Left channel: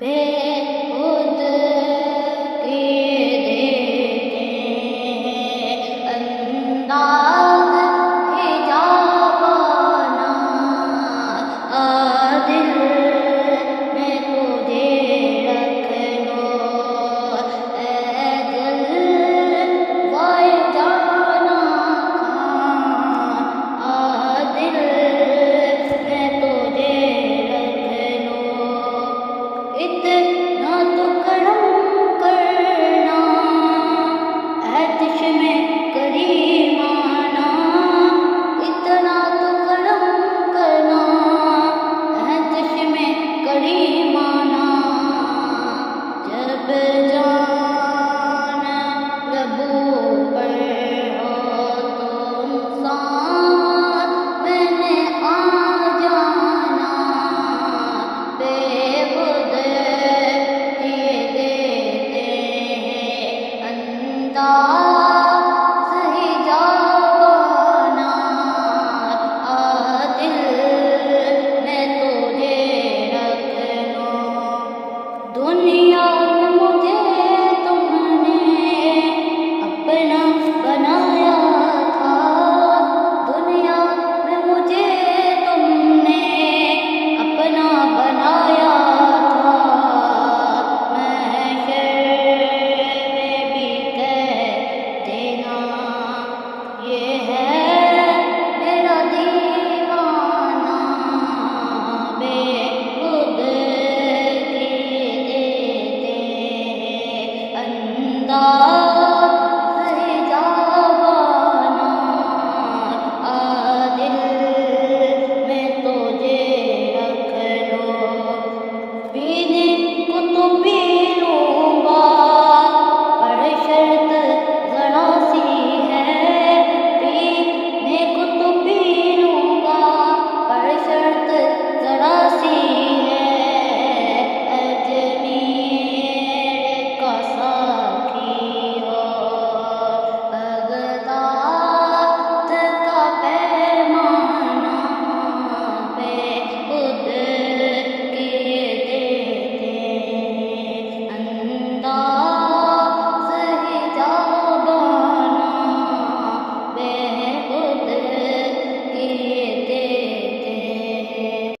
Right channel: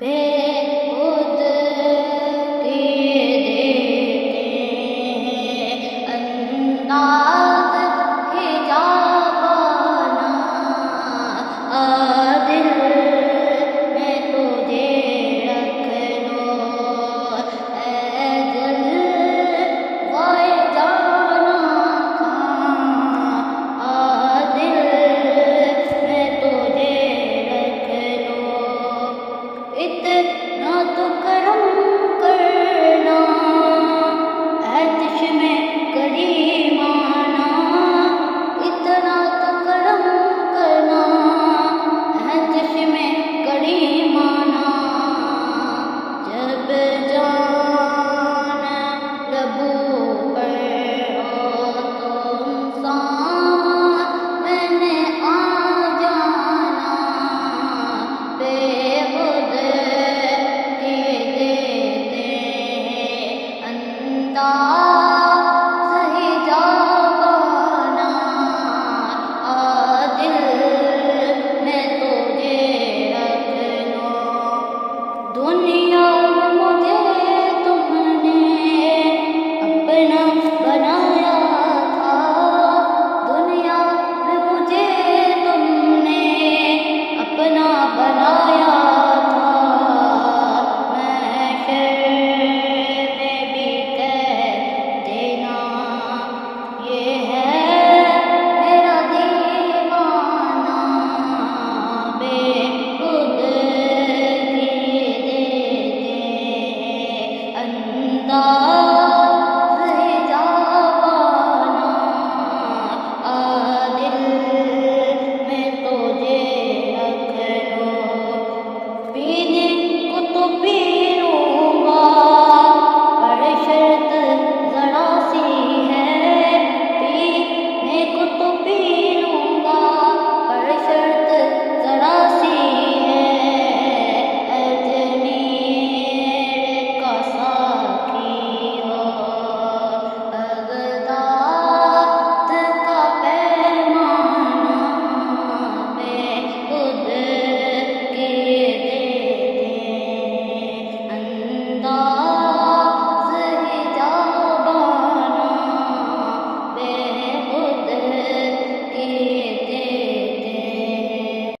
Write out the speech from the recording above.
بے خود کیے دیتے ہیں انداز حجابانہ دل میں تجھے رکھ لو اے دل وائے جانا کھاں دل میں تجھے رکھ لو اتنا تو کرم کرنا عطش میں کریمانہ اتنا تو کرم کرنا عطش میں کریمانہ جب جان لبو پر ہو تم میں نے آ جانا بے خود کیے دیتے ہیں انداز حجابانہ دل میں تجھے رکھ لو دنیا میں مجھے تم نے اپنا بنایا تھا دنیا میں مجھے تم نے اپنا بنایا تھا محشر میں بھی کہہ دینا یہ ہے میرا دیوانہ بے خود کیے دیتے ہیں انداز حجابانہ دل میں تجھے رکھ لو پینے کو تو پی لو